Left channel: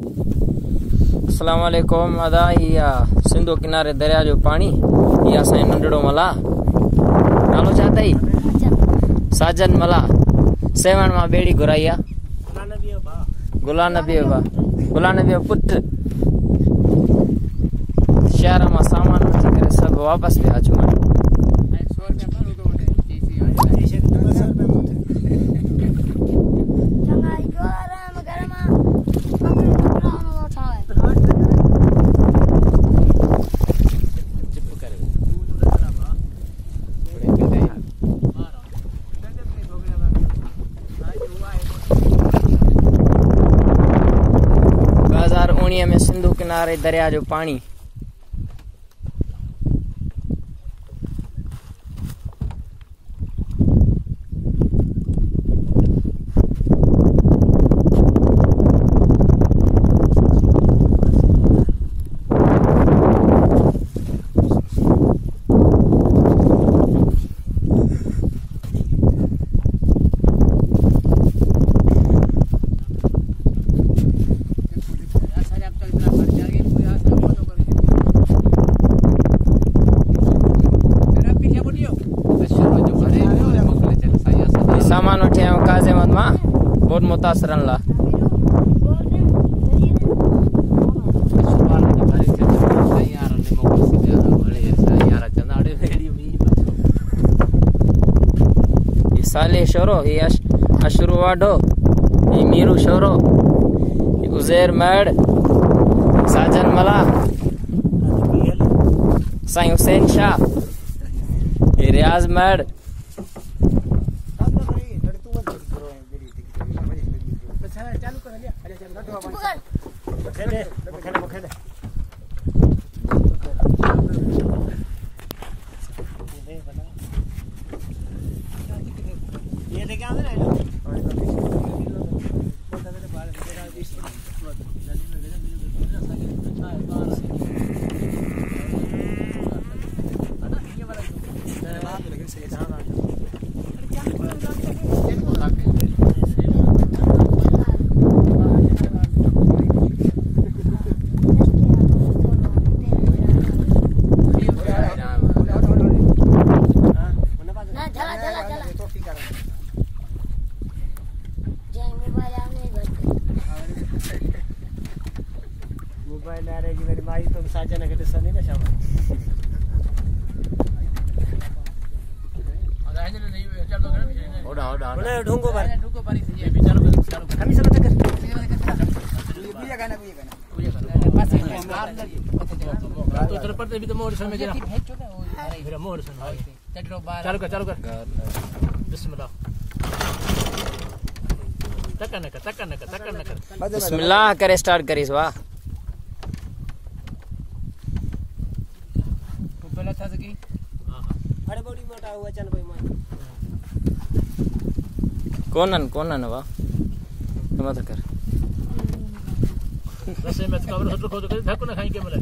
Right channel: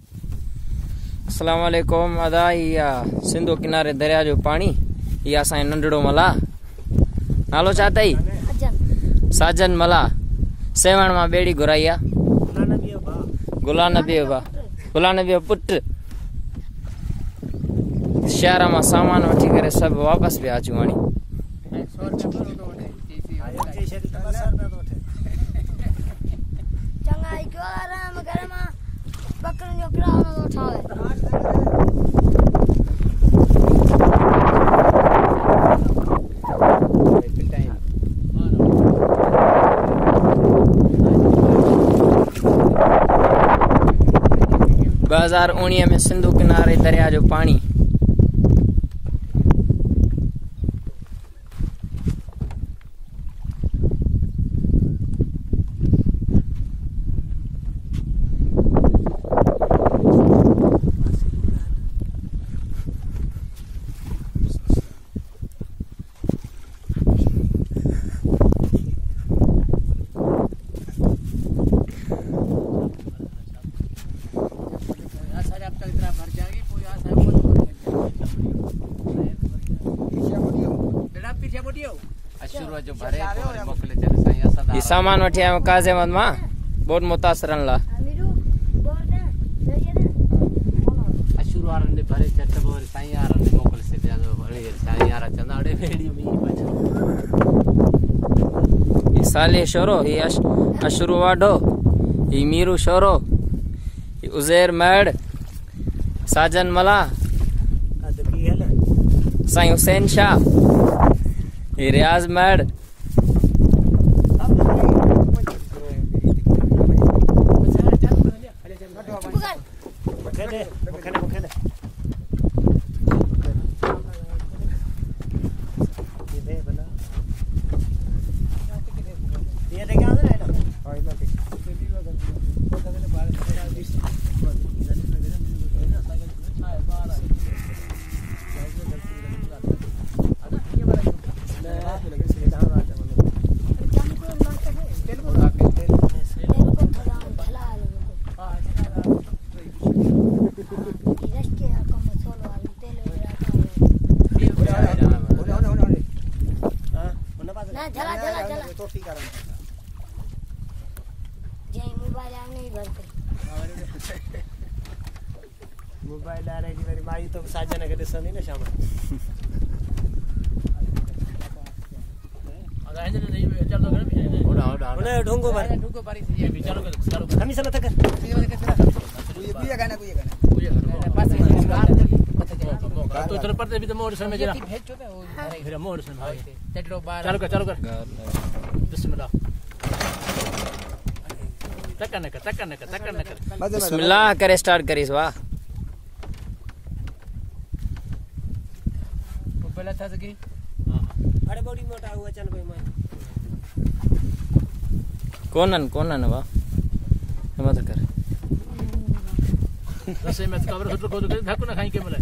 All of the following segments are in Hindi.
अस्सलाम वालेकुम। अदा या सिंधु किनारे दरिया जो पानी या असां नंढड़ो मला नालो छा अथई? साजन मला। सेवण मां बेड़ी घुराई आ गुलाम नबी पुट। शहर मां सामान वठी करे सब वापस भी अचूं हाणे। में सिंधु किनारे दरिया जो पानी। सामान वठी आयो काज़ी अहमद मां बहुत मुतासरन ला। ये साले शोरो, ये अशरू वाडो, ये मीरू शोरो, ये उज़ैर मैड, साजन मला, साईं हुसैन शाह, ये रियाज मैड। मोबाइल आ रही मेरी माई तो साजन के तो नहीं ना शाम आधा है नहीं चल दो कर ओड़ा ढूंढो पारी से ये चलो हम चलो तक पूजा गाना पास तो इधर पर भी तो मोड़ से में जरा फिर मोड़ से चलो कर बिस्मिल्लाह तकन कर बिस्मिल्लाह करे स्टार्ट करिस। वाह पहला था सकी अरे बड़ी मोटा हुआ चल भाई मैं कोनन वाह मत कर रसे में कवर होतो को तो धक्को ना खाई के मिले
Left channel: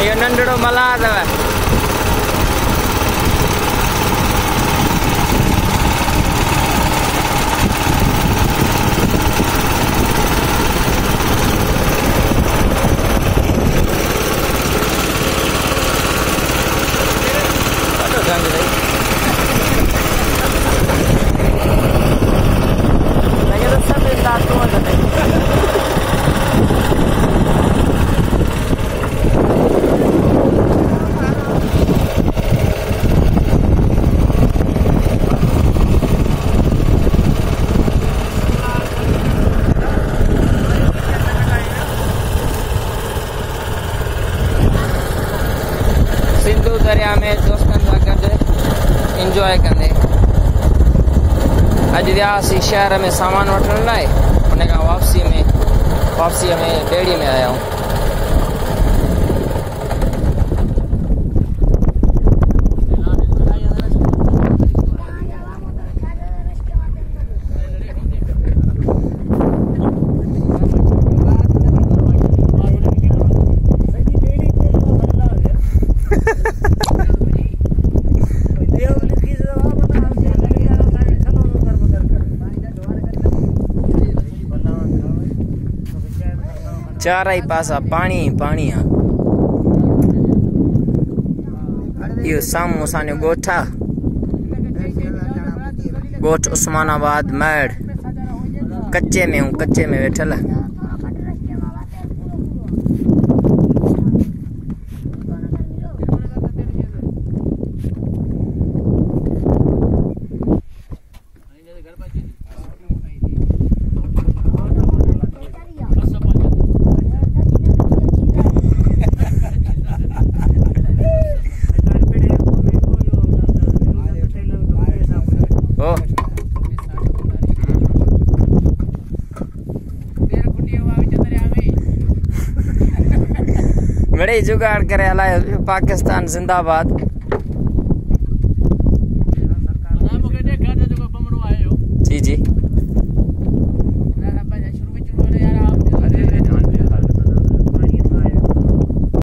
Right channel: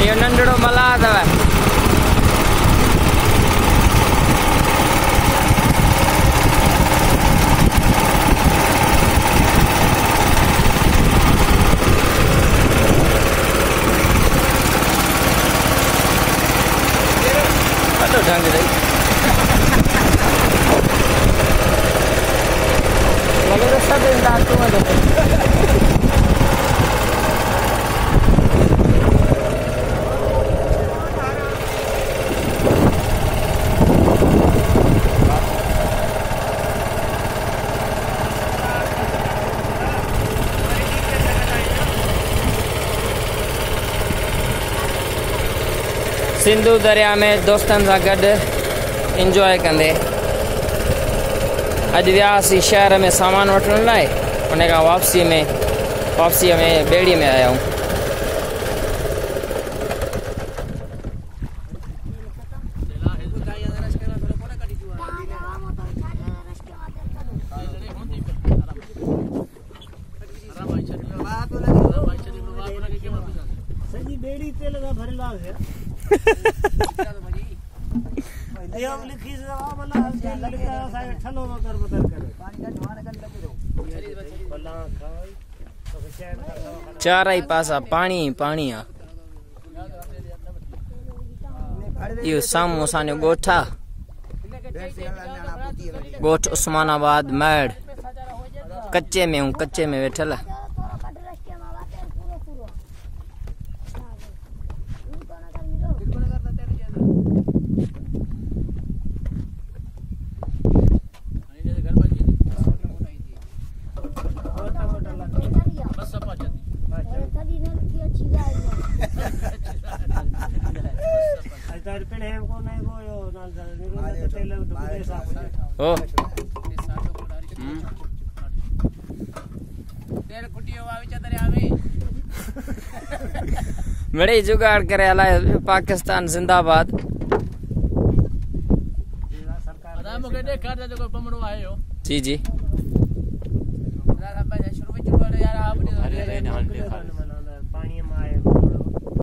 ये नंढड़ो मला अथव। लगे तो सब दांतों में सिंधु दरिया में दोस्तन सां गॾु इंजॉय कंदे अॼु वियासीं शहर में सामान वठण लाइ। उन खां वापसीअ में ॿेड़ी में आया आहियूं। चारई पासा पानी ही पानी आ। यो सामू असांजो ॻोठ आ, ॻोठ उस्मानाबाद मैड। कच्चे में वेठल। ओ बड़े जुगाड़ करे हलाए पाकिस्तान जिंदाबाद। जी जी